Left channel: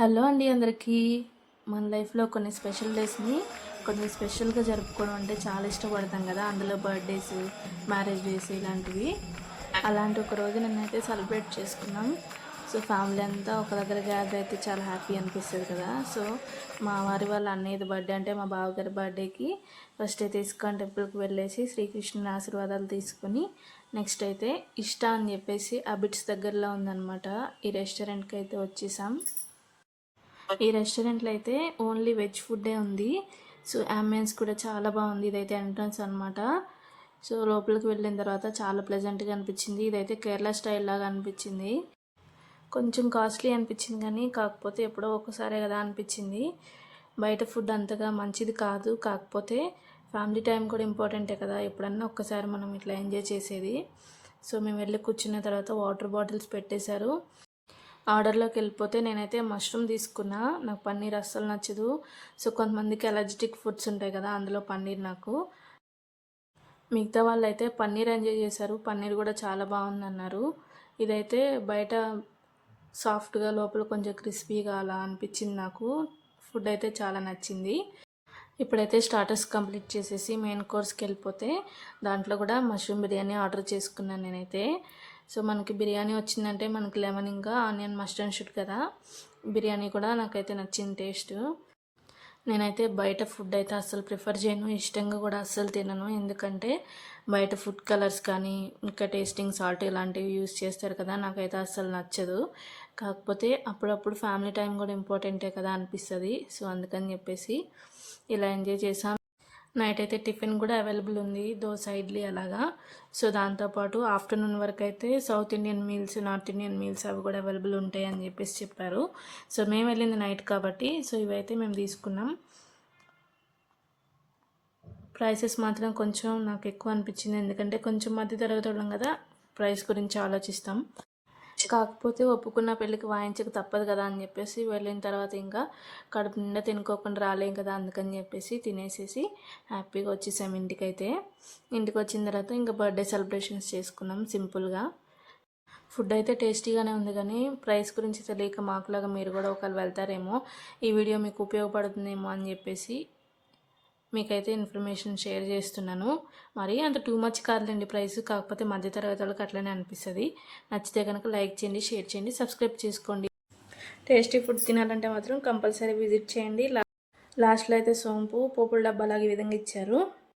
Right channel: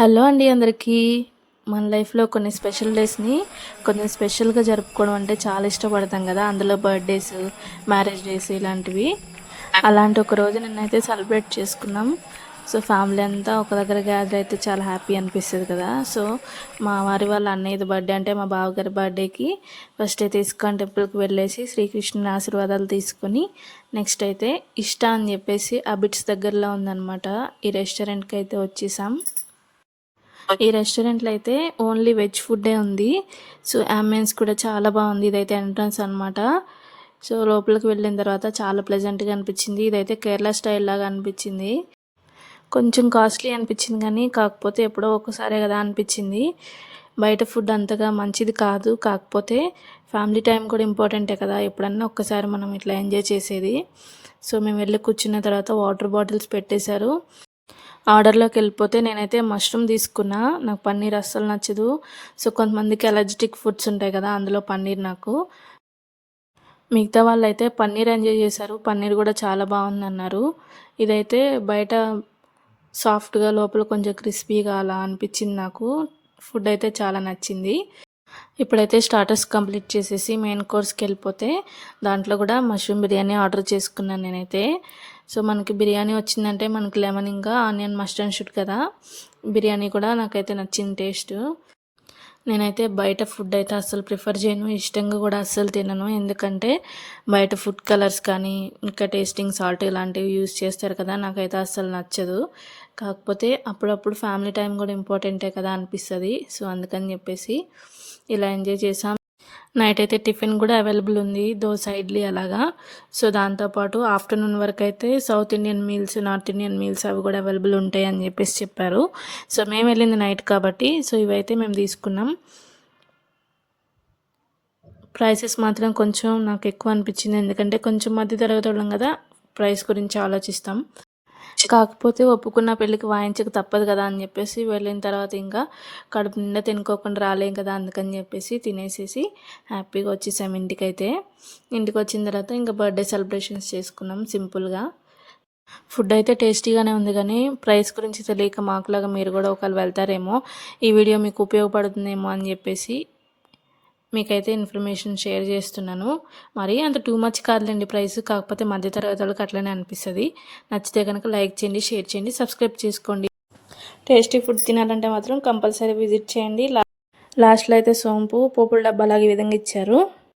Hello అండి అందరికీ. మన లైఫ్లో కొన్ని స్పెషల్ డేస్ని కొంచెం స్పెషల్గా జరుపుకోవడం అంటే చాలా ఇష్టపడతాం కదా. అందులో బర్త్డేస్, మ్యారేజ్ డేస్ ఇలాంటివి. అలాంటి ఒక రోజు నిన్నైతే సెలబ్రేట్ చేసుకున్నాం. సో ఫ్యామిలీ అంతా ఒక దగ్గర గ్యాదర్ అయితే చాలా హ్యాపీ అనిపిస్తుంది కదా. సో మా వారి వాళ్ళ అన్నయ్యది బర్త్డే అంటే మా బావగారి బర్త్డేకి ఫస్ట్ అయితే ఇస్కాన్ టెంపుల్కి వెళ్ళేసి శ్రీకృష్ణుని ఆశీర్వాదాలు తీసుకొని నెక్స్ట్ అయితే ఇష్ట అని చెప్పేసి ఆ బిట్స్ దగ్గరలో ఉందన్నమాట. ఈ రెస్టారెంట్కి అయితే వచ్చేసాం. ఈ రెస్టారెంట్లో అయితే ఓన్లీ వెజ్ ఫుడ్డే ఉంది. సో అంబియన్స్ కూడా చాలా బాగుంది. ఇదైతే ఎంట్రన్స్ అనమాట. సో లోపలికి వెళ్ళిన తర్వాత చాలా ప్లెజెంట్గా అనిపించింది. ఇదైతే కేరళ స్టైల్ లాగా అనిపించింది. కొంచెం కాస్ట్లీ అనిపించింది కానీ కాకపోతే ఎప్పుడో ఒకసారే కదా అనిపించింది. బయట ఫుడ్ అంతగా మంచిది కాదు. కాకపోతే ఫ్యామిలీ టైం కూడా ఇంపార్టెంటే కదా, ఎప్పుడన్నా ఒక్కసారి మనం ఇట్లా ఎంజాయ్ చేసేది. సో మేము వెళ్ళి కూర్చున్న తర్వాత వాటర్ బాటిల్స్ పెట్టేశారు. ఆర్డర్లోకి వెళ్ళిపోతే నేనైతే మష్రూమ్ తీసుకున్నా. నాకు పన్నీర్ అస్సలు నచ్చదు. సో కొంతమందికి అలర్జిటిక్ ఫుడ్స్ ఉంటాయి కదా, అందులో పన్నీర్ నాకు. మిగతా వాళ్ళు అయితే పన్నీర్ ఎంజాయ్ చేశారు. పన్నీర్ కూడా చాలా బాగుందన్నారు. ఇదైతే బయట సాఫ్ట్గా లోపల కొంచెం క్రిస్పీగా అలా అనిపించింది నాకు. ఫుడ్ అయితే చాలా నచ్చింది. ఇప్పుడైతే స్టార్టర్స్ కంప్లీట్ చేసేసి మెయిన్ కోర్స్కి వెళ్ళిపోతే దాంట్లో కూడా మష్రూమ్ బిర్యానీ ఆర్డర్ చేసుకున్నాను నేనైతే. సో మనకి బిర్యానీ వచ్చిందంటే మనకి లెమన్ ఇంకా ఆనియన్ మస్టర్డ్ షూట్ కదా. బిర్యానీ కూడా నాకైతే నచ్చింది టేస్ట్. నేనైతే బయట ఫుడ్ అయితే అస్సలు ప్రిఫర్ చేయను, ఇష్టంగా కూడా అస్సలు తినను. ఎందుకంటే బయట ఫుడ్ కలర్స్ కానీ ఇంకా టేస్టింగ్ సాల్ట్ ఇలాంటివి యూజ్ చేస్తారు కదా, నాకైతే అస్సలు నచ్చదు. కాకపోతే అప్పుడప్పుడు ఫ్యామిలీ టైం కూడా ఇంపార్టెంటే కదా అనిపిస్తుంది. సో అందుకని చెప్పేసి ఇలా ఎంజాయ్ చేసాం. నైట్ అయితే టిఫిన్ కూడా అవైలబుల్ ఉంది, దోశ ఇడ్లీ అలాగా. సో దాంతోపాటు ఆఫ్టర్నూన్ వరకు అయితే south Indian meals, north Indian meals అవి కూడా అవైలబుల్ ఉంటాయి అని చెప్పేసి చెప్పారు. సో మేము వెళ్ళింది నైట్ కాబట్టి సో ఇవైతే మేము తీసుకున్నాం. ప్రైసెస్ మాత్రం కొంచెం నాకు ఎక్కువ అనిపించింది. ఎందుకంటే కొంచెం మధ్య తరగతి వాళ్ళం కదా, ప్రైస్ గురించి ఆలోచిస్తాం. కాకపోతే ఒప్పుకున్న పెళ్ళికి వాయించక తప్పదు కదా అని చెప్పేసి వెళ్ళిన తర్వాత ఇంకా కడుపు నిండా తినుకోకుండా రాలేం కదా, అందుకని చెప్పేసి తినేసేసి హ్యాపీగా వచ్చేసాం ఇంటికైతే. ఇంటికి వచ్చిన తర్వాత ఇంకా బర్త్డే సెలబ్రేషన్స్ చేసుకున్నాం సింపుల్గా. ఫుడ్ అయితే టేస్టీగానే ఉంది కానీ ప్రైస్ గురించి తెలియక మాకులాగా మీరు కూడా ఒకవేళ వెళ్తారేమో, ఈ వీడియో మీకు ఉపయోగపడుతుందేమో అని చెప్పేసి మీకైతే ఇన్ఫర్మేషన్ షేర్ చేస్తున్నాను. మరి అంత టూ మచ్ కాదులేండి ప్రైస్, కాకపోతే మధ్యతరగతి వాళ్ళకి అట్లనే అనిపిస్తుంది. నచ్చితే కనుక లైక్ చేయండి, షేర్ చేయండి, సబ్స్క్రైబ్ చేసుకోండి. టేస్టీ ఫుడ్ తినాలంటే మాత్రం కంపల్సరీ విజిట్ చేయండి. లాస్ట్లో అయితే సోంపు పోపుల డబ్బాలాగా ఈ విధంగా ఇచ్చారు.